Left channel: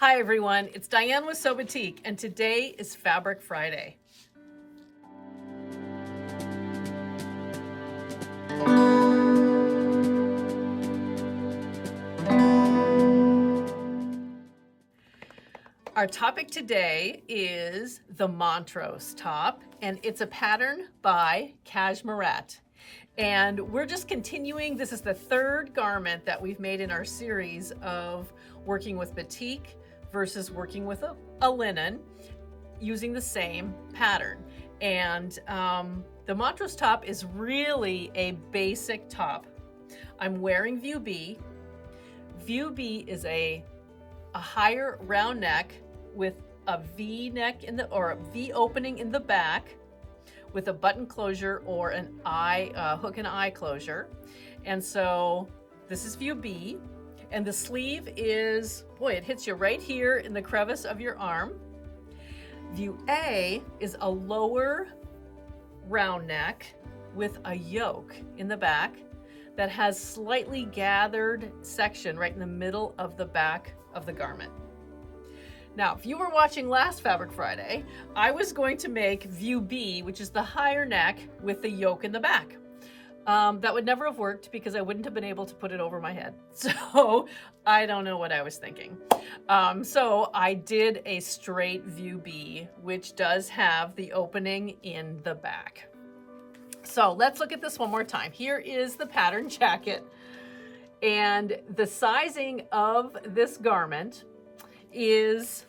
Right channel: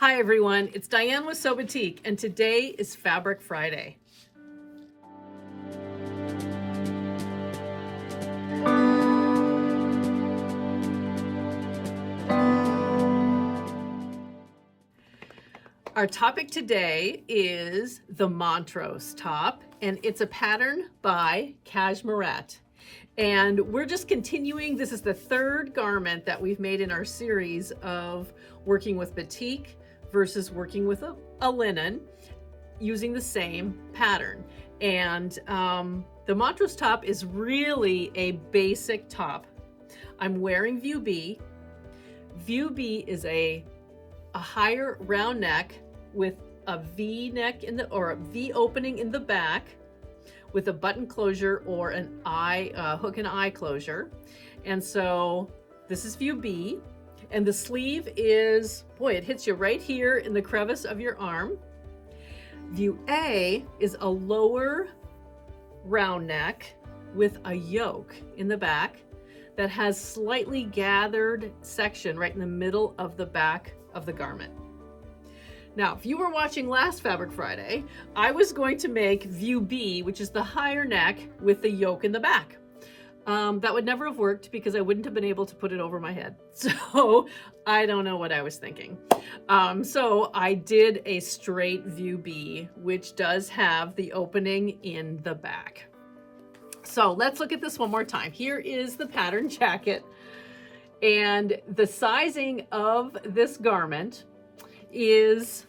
Hi everyone, it's Diane with SewBatik, and today is Fabric Friday. Our topic today is the Montrose top, and it's a pattern by Cashmerette. And we're just continuing. This is the third garment that we've made in our series of working with batik versus working with a linen using the same pattern. And the Montrose top is really a basic top. I'm wearing View B. View B is a higher round neck with a V neck or a V opening in the back with a button closure or an hook and eye closure. And so this is View B, and the sleeve is, boy, it hits you right here in the crevice of your arm. View A is a lower round neck with a yoke in the back that has slightly gathered section right in the middle of the back of the garment. Now, if you were watching last Fabric Friday, I was going to make View B, which is the higher neck with the yoke in the back. That would never have worked because I wouldn't have been able to put it over my head. So I don't know what I was thinking. So I did a straight View B, which does have the opening in the back. So let's look at this one more time. Here is the pattern jacket, and the sizing of this garment is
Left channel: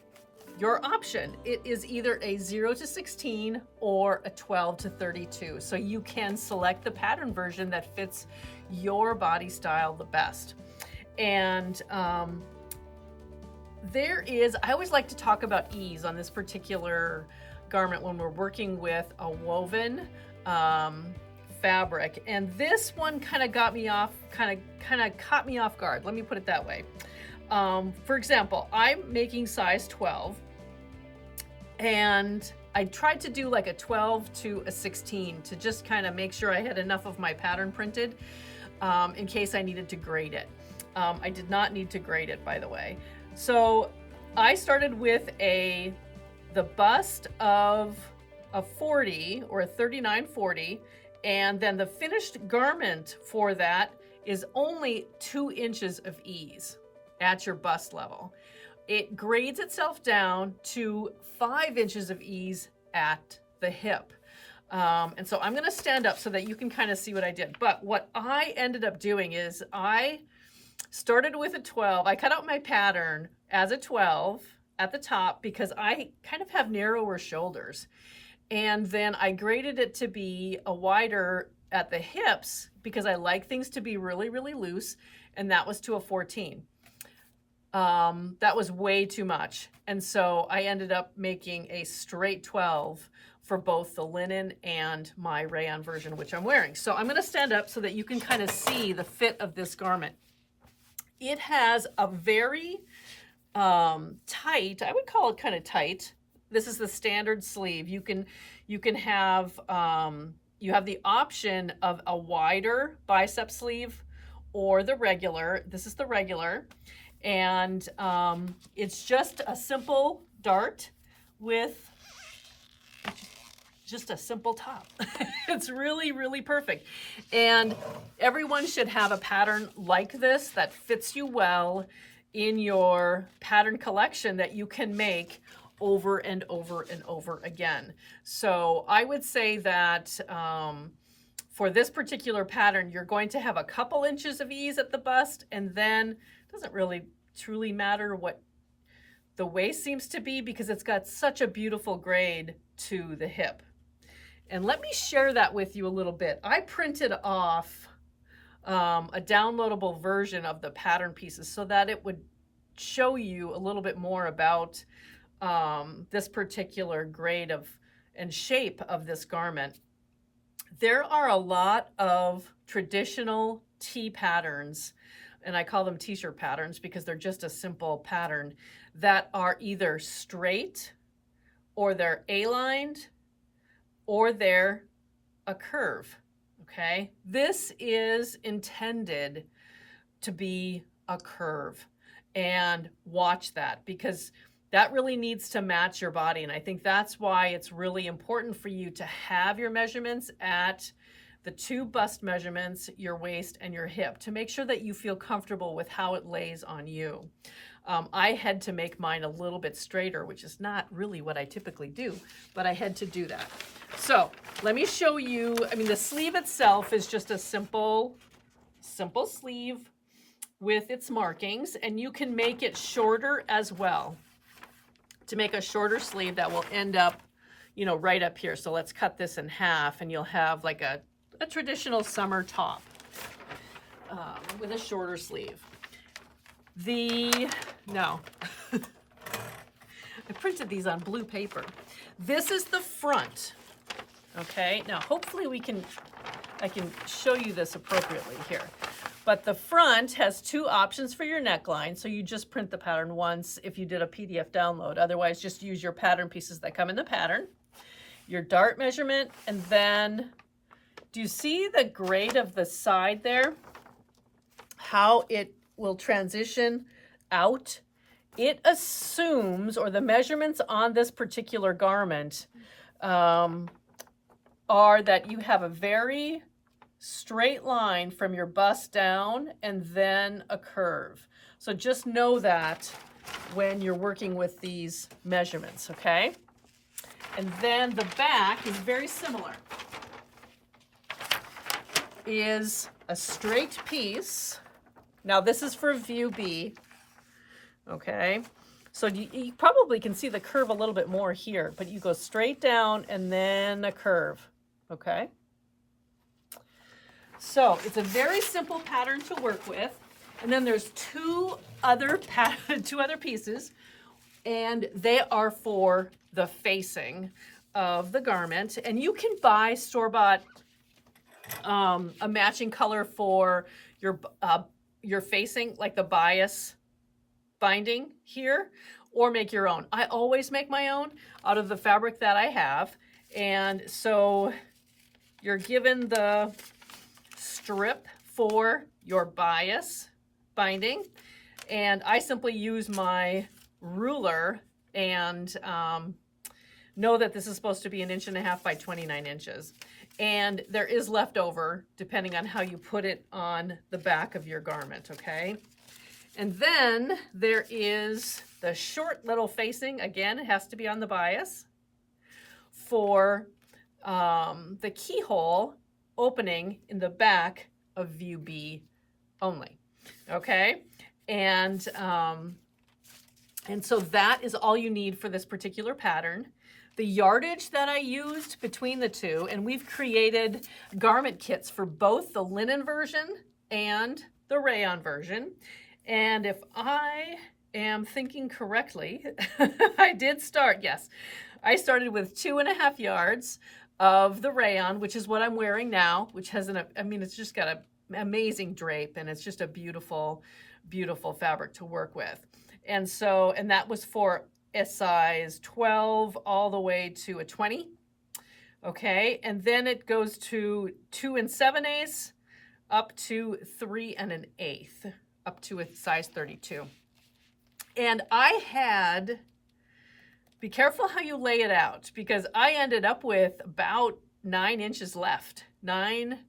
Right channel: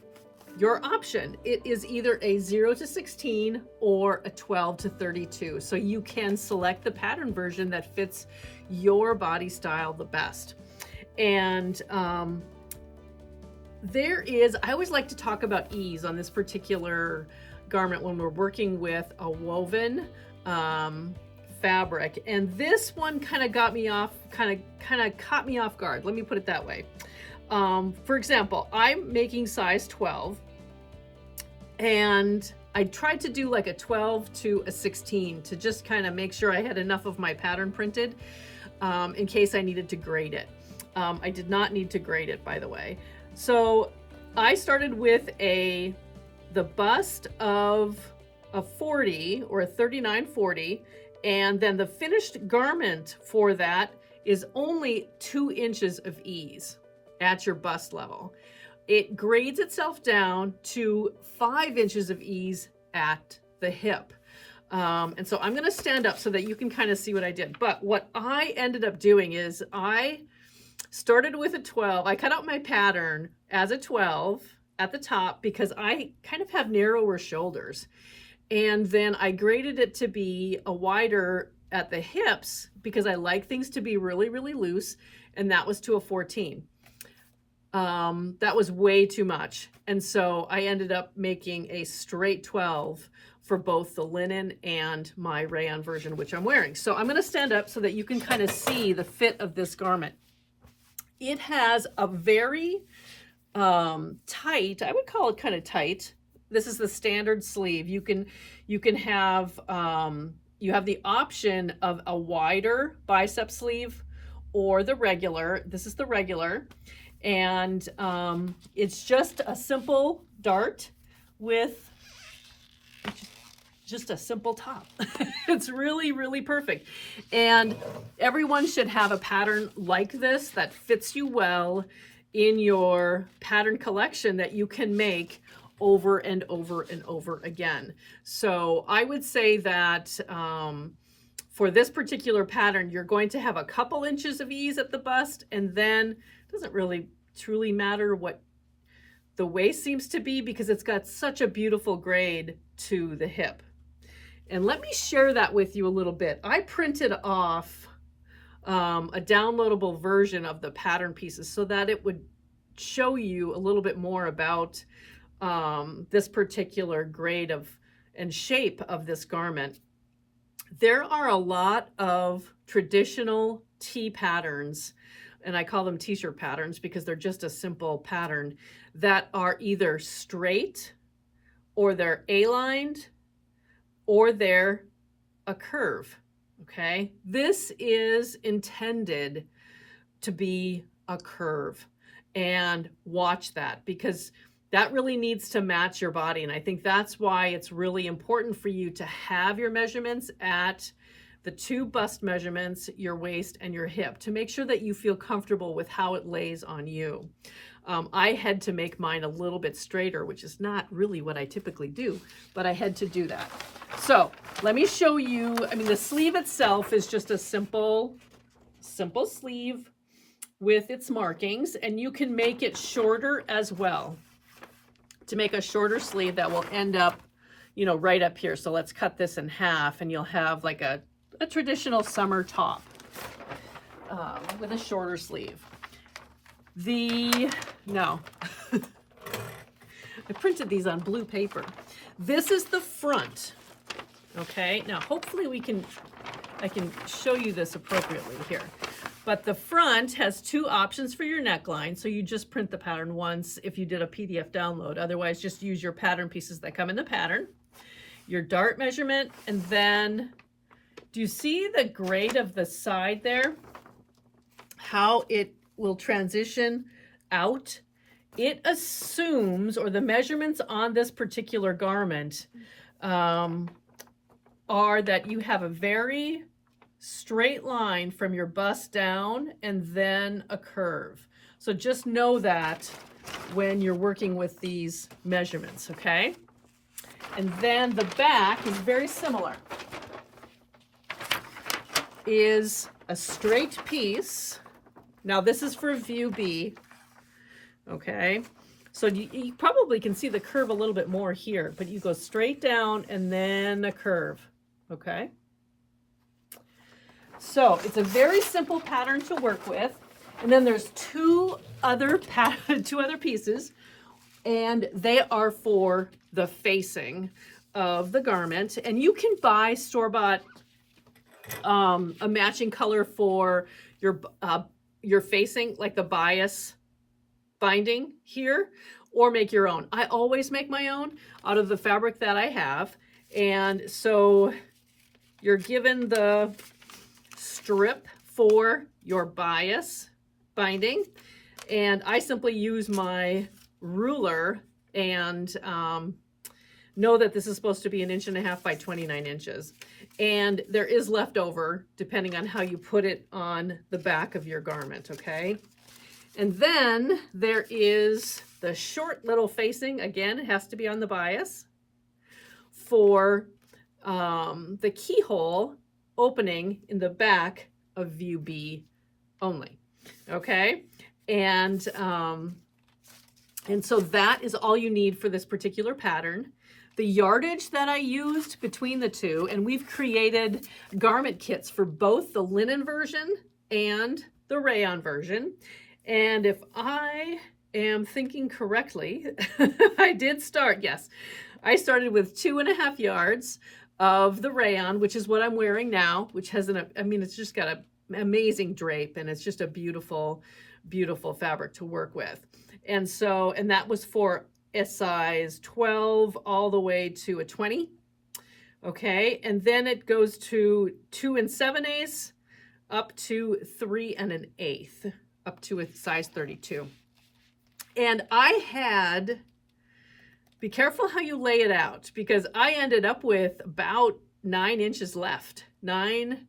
your option. It is either a 0 to 16 or a 12 to 32. So you can select the pattern version that fits your body style the best. And I always like to talk about ease on this particular garment when we're working with a woven fabric. And this one kind of got me off, kind of caught me off guard. Let me put it that way. For example, I'm making size 12, and I tried to do like a 12 to a 16 to just kind of make sure I had enough of my pattern printed in case I needed to grade it. I did not need to grade it, by the way. So I started with the bust of a 40 or a 39-40, and then the finished garment for that is only 2 inches of ease at your bust level. It grades itself down to 5 inches of ease at the hip. And so I'm gonna stand up so that you can kind of see what I did. But what I ended up doing is I started with a 12. I cut out my pattern as a 12 at the top because I kind of have narrower shoulders. And then I graded it to be a wider at the hips because I like things to be really, really loose. And that was to a 14. That was way too much. And so I ended up making a straight 12 for both the linen and my rayon version, which I'm wearing. So I'm gonna stand up so that you can kind of see the fit of this garment. It has a very tight, I would call it kind of tight. This is the standard sleeve. You have the option of a wider bicep sleeve or the regular. This is the regular. And it's just a simple dart with just a simple top. It's really, really perfect. And everyone should have a pattern like this that fits you well in your pattern collection that you can make over and over and over again. So I would say that for this particular pattern, you're going to have a couple inches of ease at the bust, and then it doesn't really truly matter what the waist seems to be because it's got such a beautiful grade to the hip. And let me share that with you a little bit. I printed off a downloadable version of the pattern pieces so that it would show you a little bit more about this particular grade and shape of this garment. There are a lot of traditional tee patterns, and I call them t-shirt patterns because they're just a simple pattern, that are either straight or they're A-lined or they're a curve, okay? This is intended to be a curve. and watch that, because that really needs to match your body. And I think that's why it's really important for you to have your measurements at the 2 bust measurements, your waist and your hip, to make sure that you feel comfortable with how it lays on you. I had to make mine a little bit straighter, which is not really what I typically do, but I had to do that. So let me show you. I mean, the sleeve itself is just a simple sleeve with its markings, and you can make it shorter as well, to make a shorter sleeve that will end up, you know, right up here. So let's cut this in half, and you'll have like a traditional summer top with a shorter sleeve. I printed these on blue paper. This is the front. Okay, now hopefully I can show you this appropriately here. But the front has 2 options for your neckline. So you just print the pattern once if you did a PDF download. Otherwise, just use your pattern pieces that come in the pattern, your dart measurement, and then do you see the grade of the side there? How it will transition out? It assumes, or the measurements on this particular garment are that you have a very straight line from your bust down and then a curve. So just know that when you're working with these measurements, okay? And then the back is very similar. Is a straight piece. Now this is for view B, okay? So you probably can see the curve a little bit more here, but you go straight down and then a curve, okay? So it's a very simple pattern to work with. And then there's 2 other pieces, and they are for the facing of the garment. And you can buy store-bought a matching color for your facing, like the bias binding here, or make your own. I always make my own out of the fabric that I have. And so you're given the strip for your bias binding, and I simply use my ruler and know that this is supposed to be 1.5 inches by 29 inches. And there is leftover depending on how you put it on the back of your garment, okay? And then there is the short little facing. Again, it has to be on the bias for the keyhole opening in the back of view B only, okay? And so that is all you need for this particular pattern. The yardage that I used between the 2, and we've created garment kits for both the linen version and the rayon version. And if I am thinking correctly, I started with 2.5 yards of the rayon, which is what I'm wearing now, which has it's just got an amazing drape, and it's just a beautiful, beautiful fabric to work with. And that was for a size 12 all the way to a 20. Okay, and then it goes to 2 7/8 up to 3 1/8 up to a size 32. And be careful how you lay it out, because I ended up with about 9 inches left, 9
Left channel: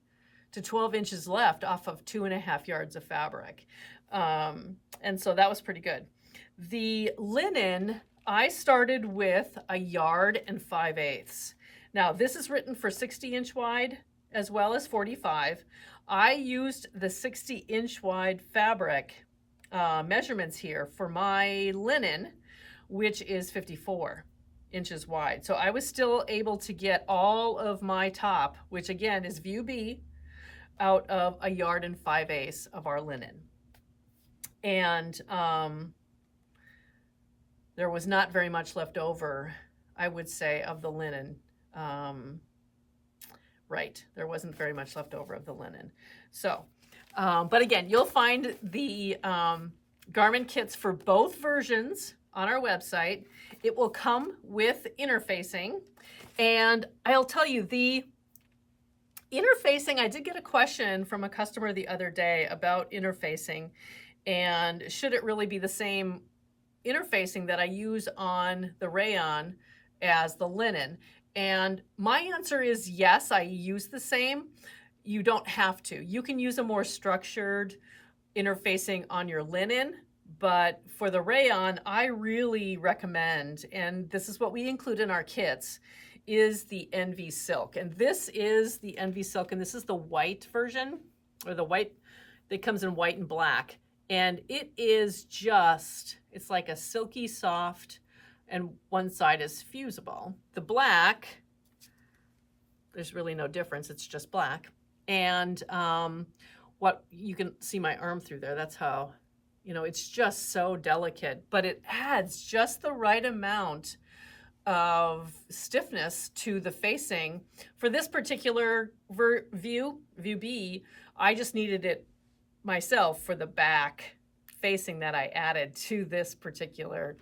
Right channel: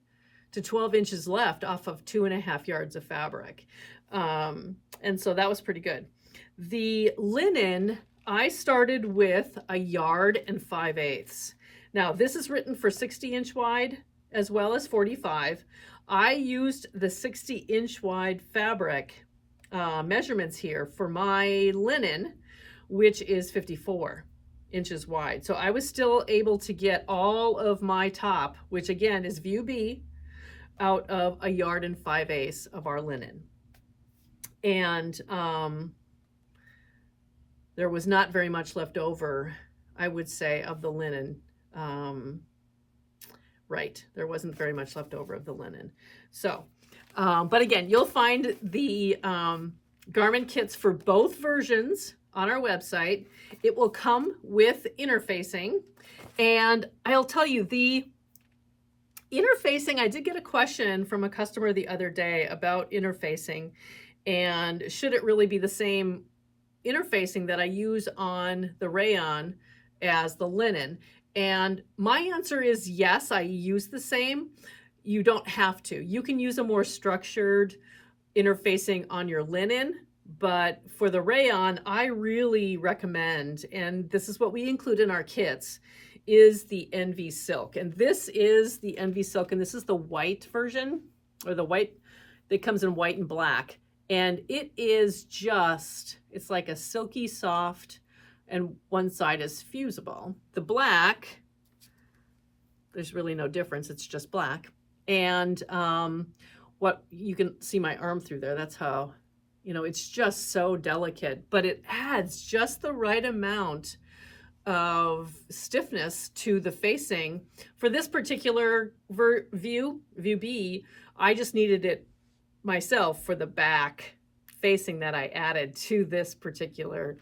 to 12 inches left off of 2.5 yards of fabric. And so that was pretty good. The linen, I started with 1 5/8 yards. Now this is written for 60-inch wide as well as 45. I used the 60-inch wide fabric measurements here for my linen, which is 54 inches wide. So I was still able to get all of my top, which again is view B, out of 1 5/8 yards of our linen. And there was not very much left over, I would say, of the linen. Right, there wasn't very much left over of the linen. So, but again, you'll find the garment kits for both versions on our website. It will come with interfacing. And I'll tell you, the interfacing, I did get a question from a customer the other day about interfacing. And should it really be the same interfacing that I use on the rayon as the linen? And my answer is yes, I use the same. You don't have to. You can use a more structured interfacing on your linen, but for the rayon, I really recommend, and this is what we include in our kits, is the Envy Silk. And this is the Envy Silk, and this is the white version, or the white that comes in white and black. And it is just, it's like a silky soft, and one side is fusible. The black, there's really no difference, it's just black. And what you can see my arm through there, that's how, you know, it's just so delicate, but it adds just the right amount of stiffness to the facing. For this particular view B, I just needed it myself for the back facing that I added to this particular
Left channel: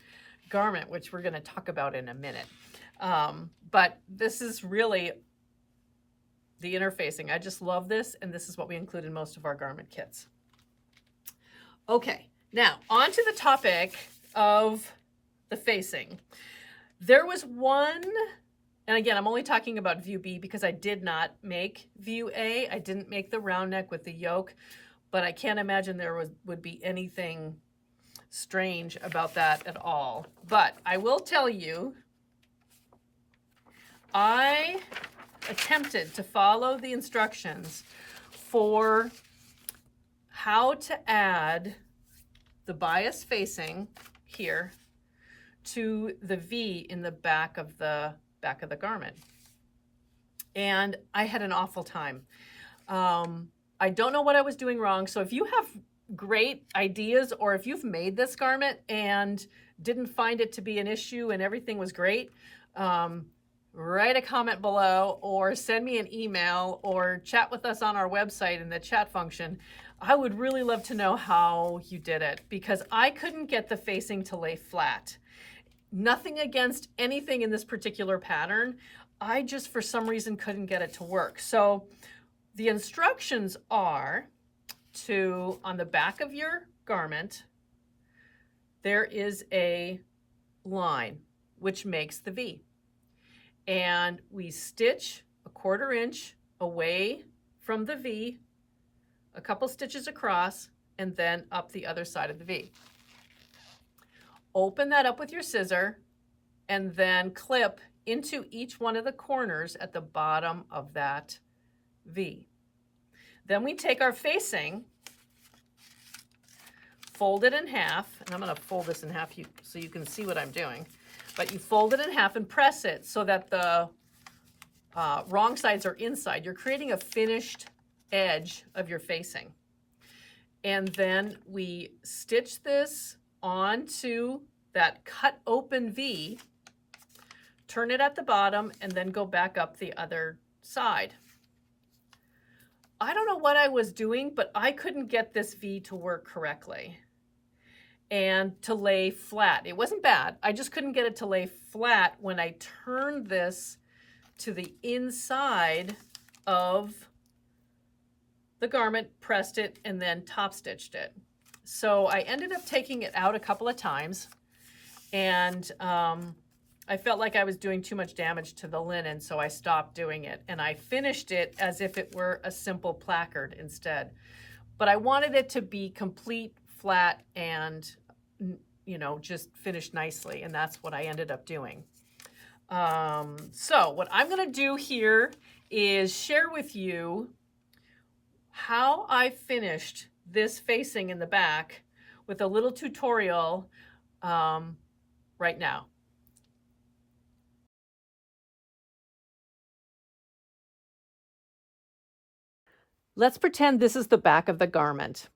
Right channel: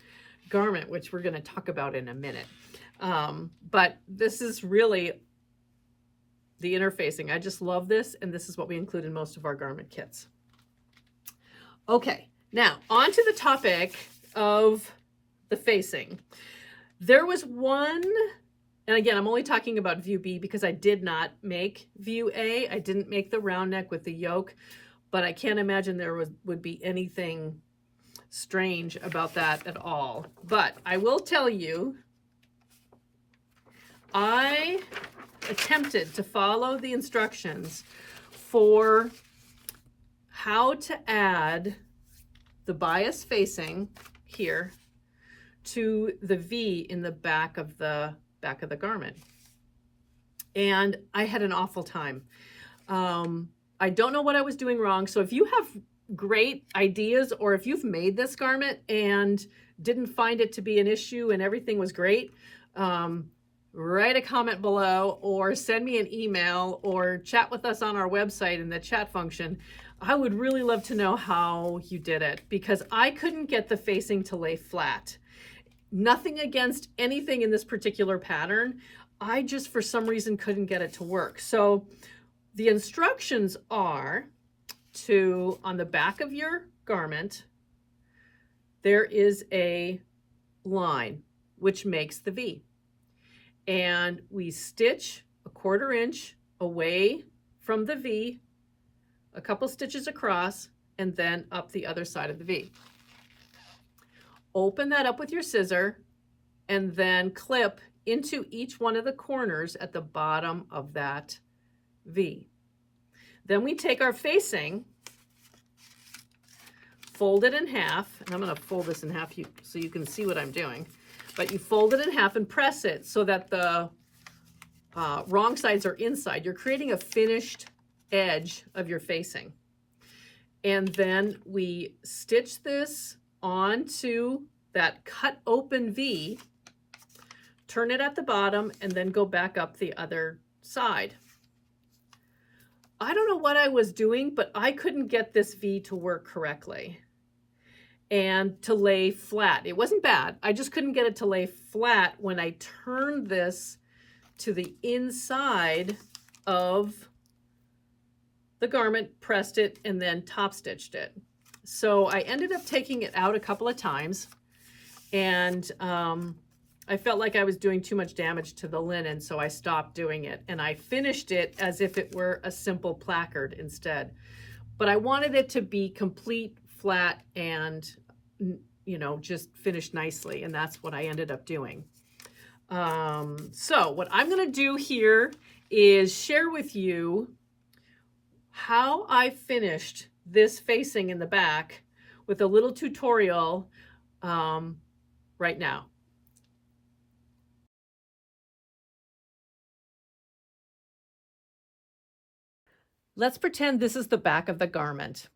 garment, which we're going to talk about in a minute. But this is really the interfacing. I just love this, and this is what we include in most of our garment kits. Okay, now on to the topic of the facing. There was one, and again, I'm only talking about view B because I did not make view A. I didn't make the round neck with the yoke, but I can't imagine there would be anything strange about that at all. But I will tell you, I attempted to follow the instructions for how to add the bias facing here to the V in the back of the garment. And I had an awful time. I don't know what I was doing wrong. So if you have great ideas, or if you've made this garment and didn't find it to be an issue and everything was great, write a comment below or send me an email or chat with us on our website in the chat function. I would really love to know how you did it, because I couldn't get the facing to lay flat. Nothing against anything in this particular pattern. I just, for some reason, couldn't get it to work. So the instructions are to, on the back of your garment, there is a line which makes the V. And we stitch a 1/4 inch away from the V, a couple stitches across, and then up the other side of the V. Open that up with your scissor and then clip into each one of the corners at the bottom of that V. Then we take our facing, fold it in half, and I'm going to fold this in half so you can see what I'm doing. But you fold it in half and press it so that the wrong sides are inside. You're creating a finished edge of your facing. And then we stitch this onto that cut open V, turn it at the bottom, and then go back up the other side. I don't know what I was doing, but I couldn't get this V to work correctly and to lay flat. It wasn't bad. I just couldn't get it to lay flat when I turned this to the inside of the garment, pressed it, and then top stitched it. So I ended up taking it out a couple of times, and I felt like I was doing too much damage to the linen, so I stopped doing it. And I finished it as if it were a simple placard instead. But I wanted it to be complete, flat, and, you know, just finished nicely. And that's what I ended up doing. So what I'm going to do here is share with you how I finished this facing in the back with a little tutorial right now. Let's pretend this is the back of the garment.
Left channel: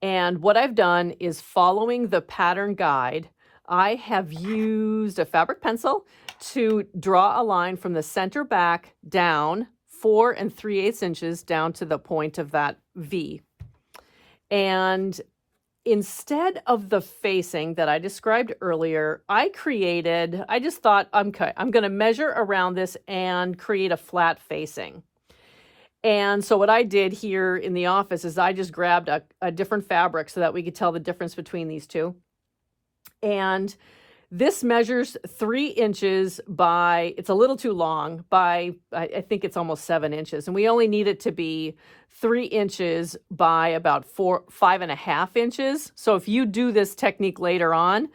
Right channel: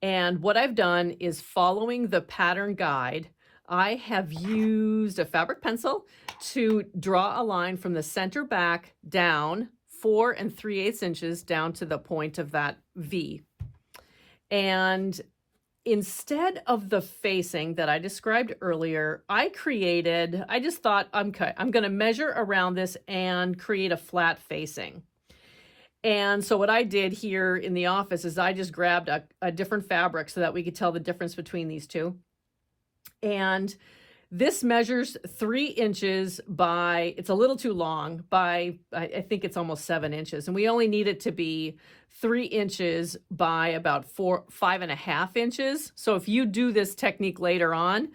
And what I've done is, following the pattern guide, I have used a fabric pencil to draw a line from the center back down 4 3/8 inches down to the point of that V. And instead of the facing that I described earlier, I just thought, okay, I'm going to measure around this and create a flat facing. And so what I did here in the office is I just grabbed a different fabric so that we could tell the difference between these two. And this measures 3 inches by, it's a little too long, by, I think it's almost 7 inches. And we only need it to be 3 inches by about 5.5 inches. So if you do this technique later on,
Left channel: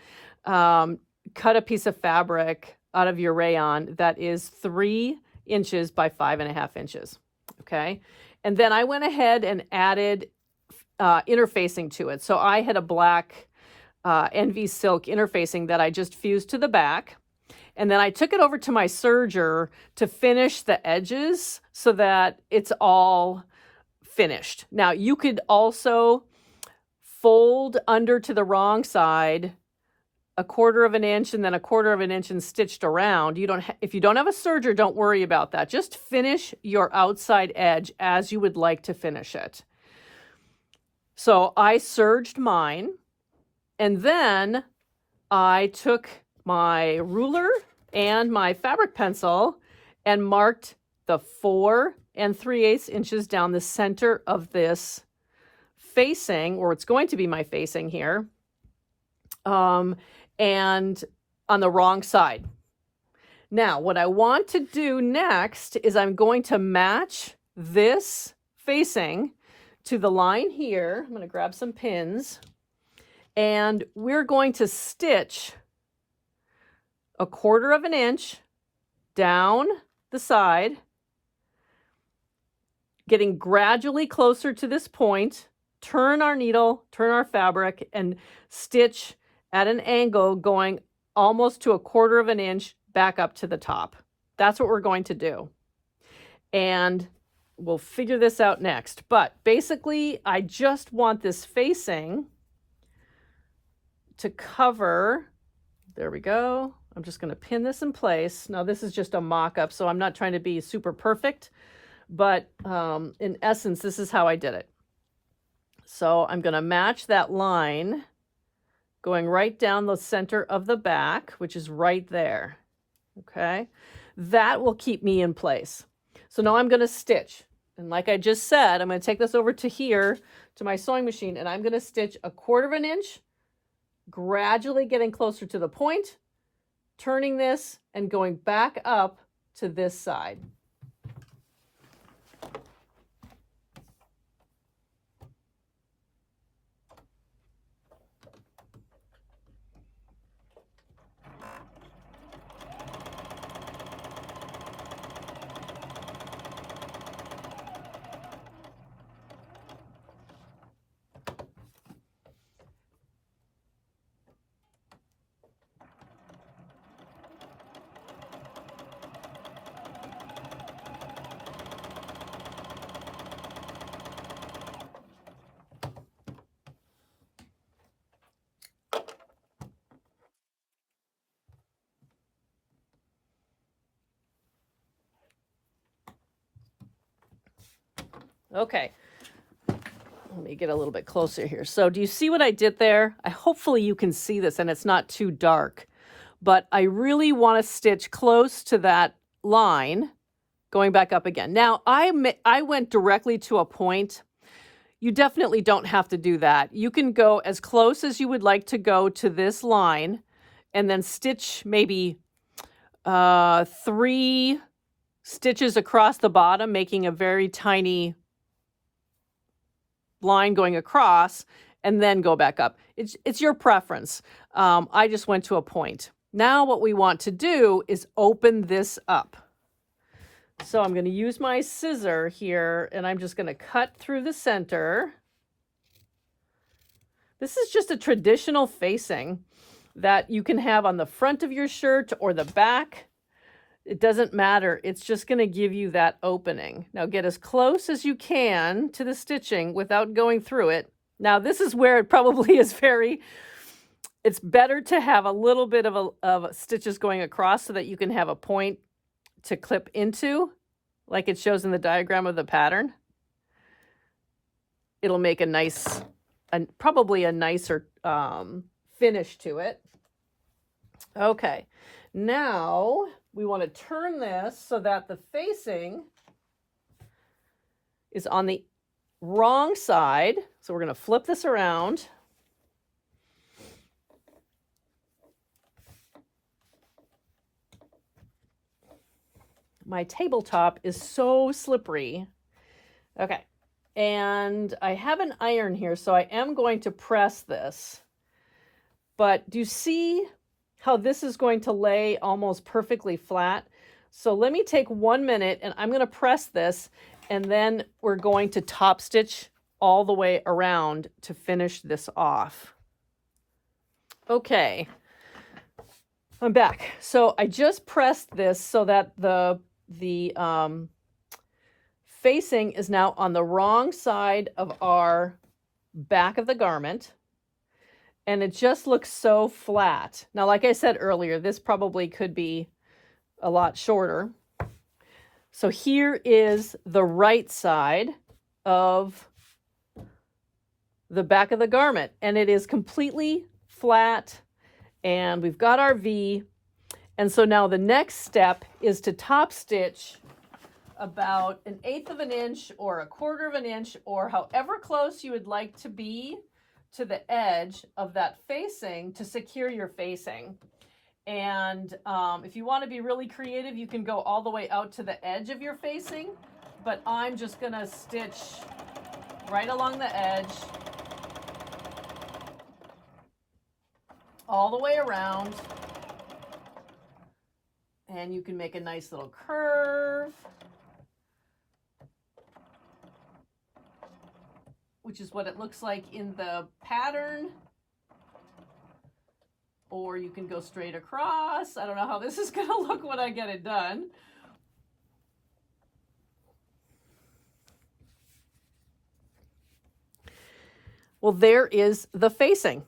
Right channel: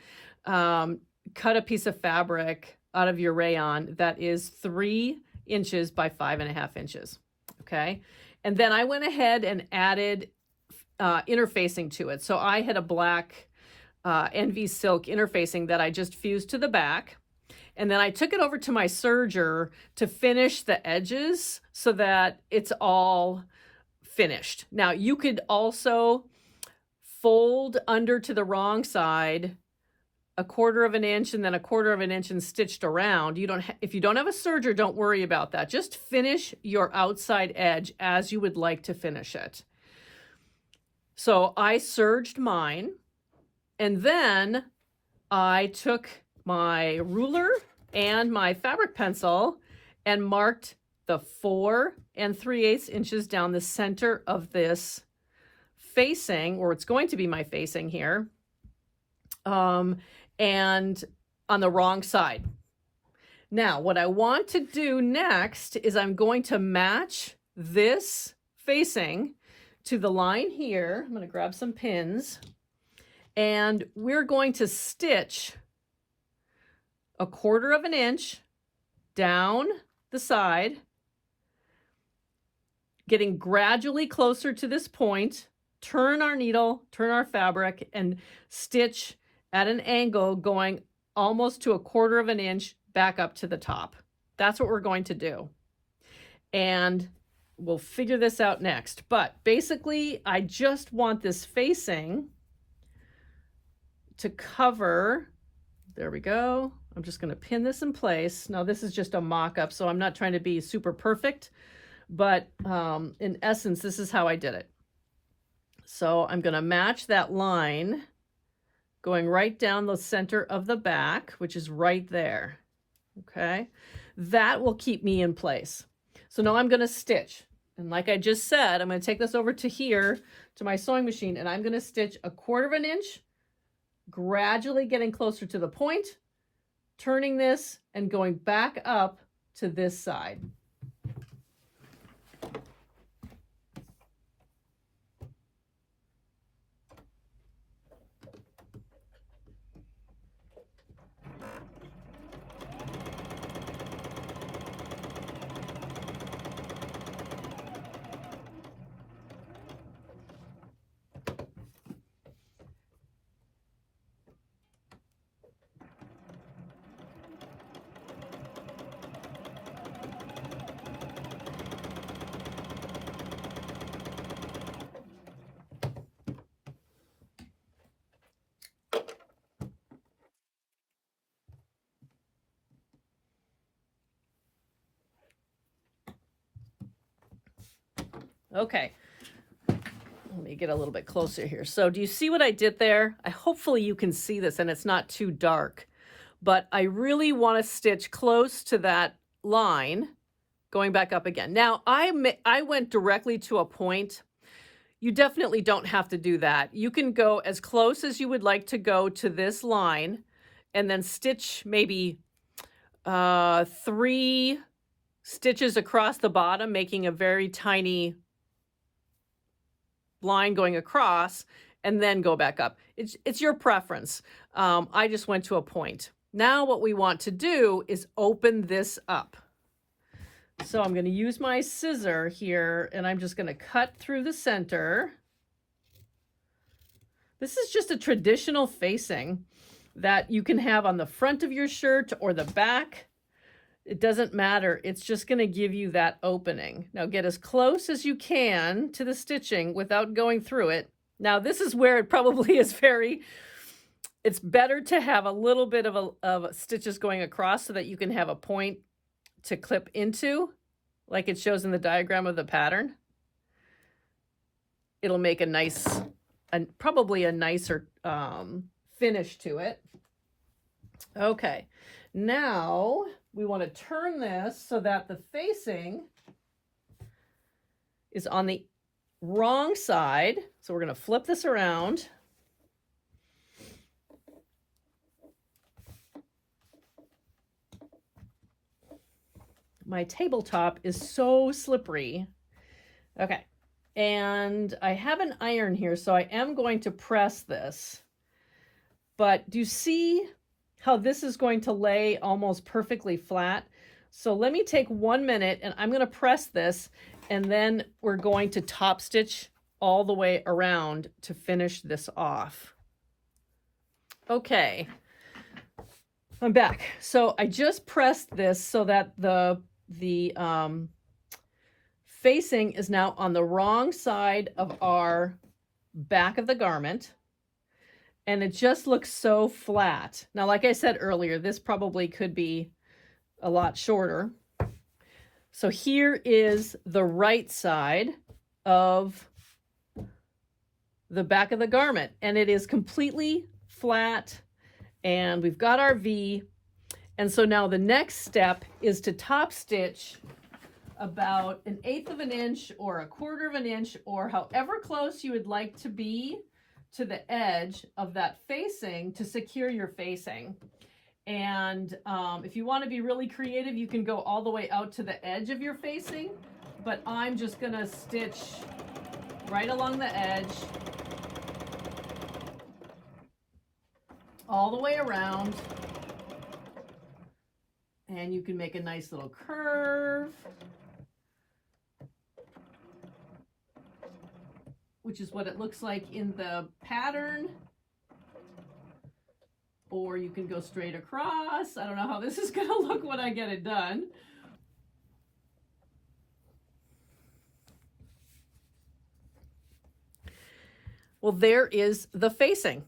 cut a piece of fabric out of your rayon that is 3 inches by 5.5 inches. Okay. And then I went ahead and added interfacing to it. So I had a black NV silk interfacing that I just fused to the back. And then I took it over to my serger to finish the edges so that it's all finished. Now you could also fold under to the wrong side 1/4 inch and then 1/4 inch and stitched around. If you don't have a serger, don't worry about that. Just finish your outside edge as you would like to finish it. So I serged mine, and then I took my ruler and my fabric pencil and marked the 4 3/8 inches down the center of this facing, or it's going to be my facing here, and on the wrong side. Now, what I want to do next is I'm going to match this facing to the line here. I'm going to grab some pins, and we're going to stitch 1/4 inch down the side, getting gradually closer to this point, turn our needle, turn our fabric, and stitch at an angle going almost to 1/4 inch back up to the top. That's what we're going to do. And we'll figure this out next. But basically, I just want this facing to cover. There we go. I'm just going to pin this in place. Now, this is just a mock-up, so I'm not trying to be super perfect. But in essence, this is how I did it. So I'm going to match that line going right down the center of the back, which is right there. Okay, that will keep me in place. So now I'm going to stitch. And like I just said, I'm going to take this over to here to my sewing machine, and I'm going to stitch 1/4 inch, gradually getting closer to the point, turning this and going back up to this side. Okay, let me get a little bit closer here. So do you see what I did there? Hopefully you can see this and it's not too dark, but I really want to stitch close to that line going back up again. Now I went directly to a point. You definitely don't have to do that. You can go as close as you would like to go to this line and then stitch maybe 3 stitches across the bottom, making a very tiny line going across, and then go back up. It's your preference. I just went to a point. Now what we want to do is open this up. So I'm going to use my scissor here, and I'm just going to cut through the center. This is just a traditional facing that you can have on the front of your shirt or the back. It doesn't matter. It's just going to give you that opening. Now get as close as you can to the stitching without going through it. Now this is where it probably is it's better to have a little bit of stitches going across so that you can have a point to clip into, like it shows in the diagram of the pattern. It'll make a nice, probably a nicer finish to it. Okay, now we want to turn this so that the facing is on the wrong side. So we're going to flip this around. My tabletop is so slippery. Okay, and I have an iron here, so I am going to press this. But do you see how this is going to lay almost perfectly flat? So let me take 1 minute and I'm going to press this, and then we're going to top stitch all the way around to finish this off. Okay, I'm back. So I just pressed this so that the facing is now on the wrong side of our back of the garment. And it just looks so flat. Now, like I said earlier, this probably could be a lot shorter. So here is the right side of the back of the garment, and it is completely flat, and we've got our V. And so now the next step is to top stitch about 1/8 of an inch or 1/4 of an inch, or however close you would like to be to the edge of that facing to secure your facing. And if you want to be really creative, you can go all the way out to the edge of your facing, but I'm just going to stitch right along the edge all the way around, and you can make a nice little curve, which is what it looks like in the pattern. Or you can go straight across. I don't know how this is going to look when I get it done. Well, there is the facing.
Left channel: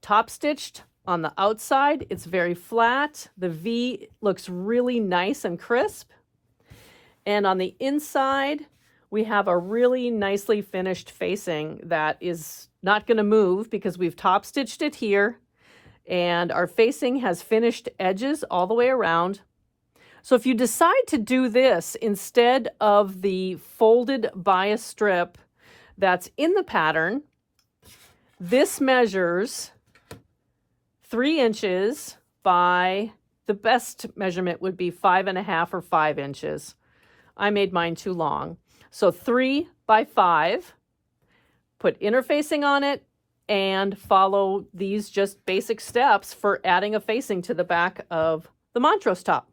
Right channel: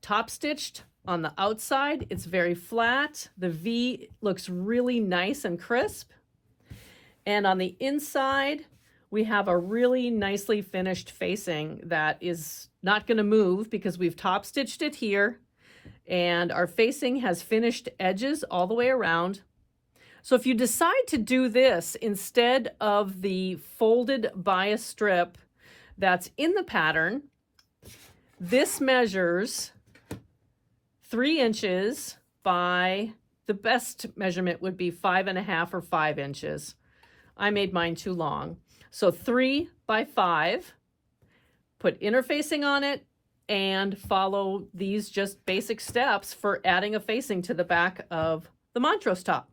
Top stitched on the outside. It's very flat. The V looks really nice and crisp. And on the inside, we have a really nicely finished facing that is not going to move because we've top stitched it here, and our facing has finished edges all the way around. So if you decide to do this instead of the folded bias strip that's in the pattern, this measures 3 inches by, the best measurement would be 5.5 or 5 inches. I made mine too long. So 3 by 5, put interfacing on it, and follow these just basic steps for adding a facing to the back of the Montrose top.